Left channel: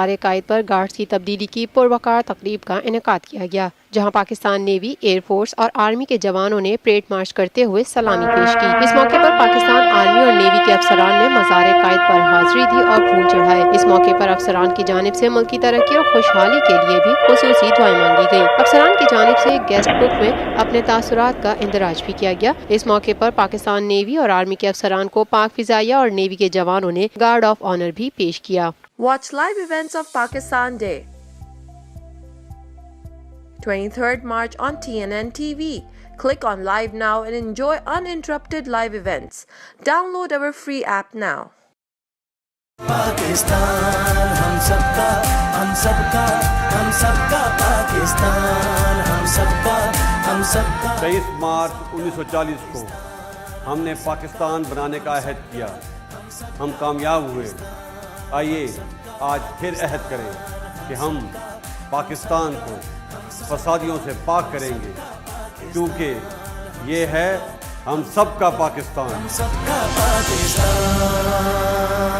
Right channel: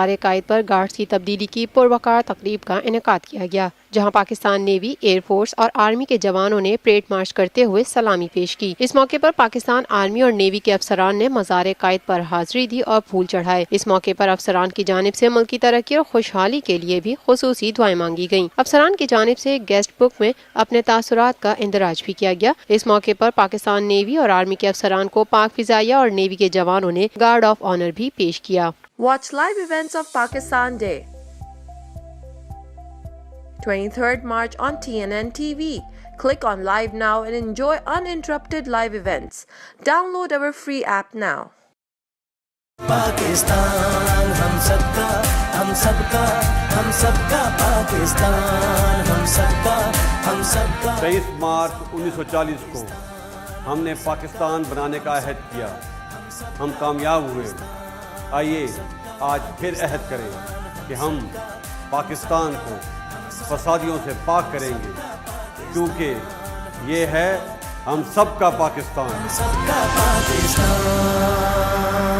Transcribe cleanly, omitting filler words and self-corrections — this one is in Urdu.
مزار-e-Quaid پر گارڈز کی تبدیلی کی پروقار تقریب کا انعقاد کیا گیا، جہاں پاکستان نیوی، ایئر فورس اور آرمی کے جوانوں نے پریڈ مارچ کرتے ہوئے سلامی پیش کی۔ اس موقع پر پاکستان آرمی اور نیوی کے افسران نے مزار-e-Quaid پر حاضری دی اور پھول چڑھائے۔ اس موقع پر افسران کی جانب سے ملکی ترقی اور خوشحالی کے لیے بھی خصوصی دعائیں دی گئیں۔ افسران کی جانب سے ایک گیسٹ بک میں اپنے تاثرات کا اندراج بھی کیا گیا۔ اس موقع پر پاکستان نیوی اور آرمی کے افسران کو پاک فضائیہ اور نیوی کے جوانوں نے گارڈ آف آنر بھی پیش کیا۔ Watch live events of Pakistan Day, 23rd March on TNN TV. Click on Live now and enjoy uninterrupted live events. Download our free app now. Pakistan ہم سب کا، ہم سب کا، ہم سب کا پاکستان، ہم سب کا، ہم سب کا۔ 23 مارچ 1940 کو ہم نے پاکستان بنانے کا عہد کیا، ہم کامیاب ہوئے۔ آئیے آج پھر عہد کریں کہ ہم پاکستان کو فسادیوں سے پاک کریں گے، کیونکہ یہ ہے ہم سب کا پاکستان۔ ہم سب کا پاکستان۔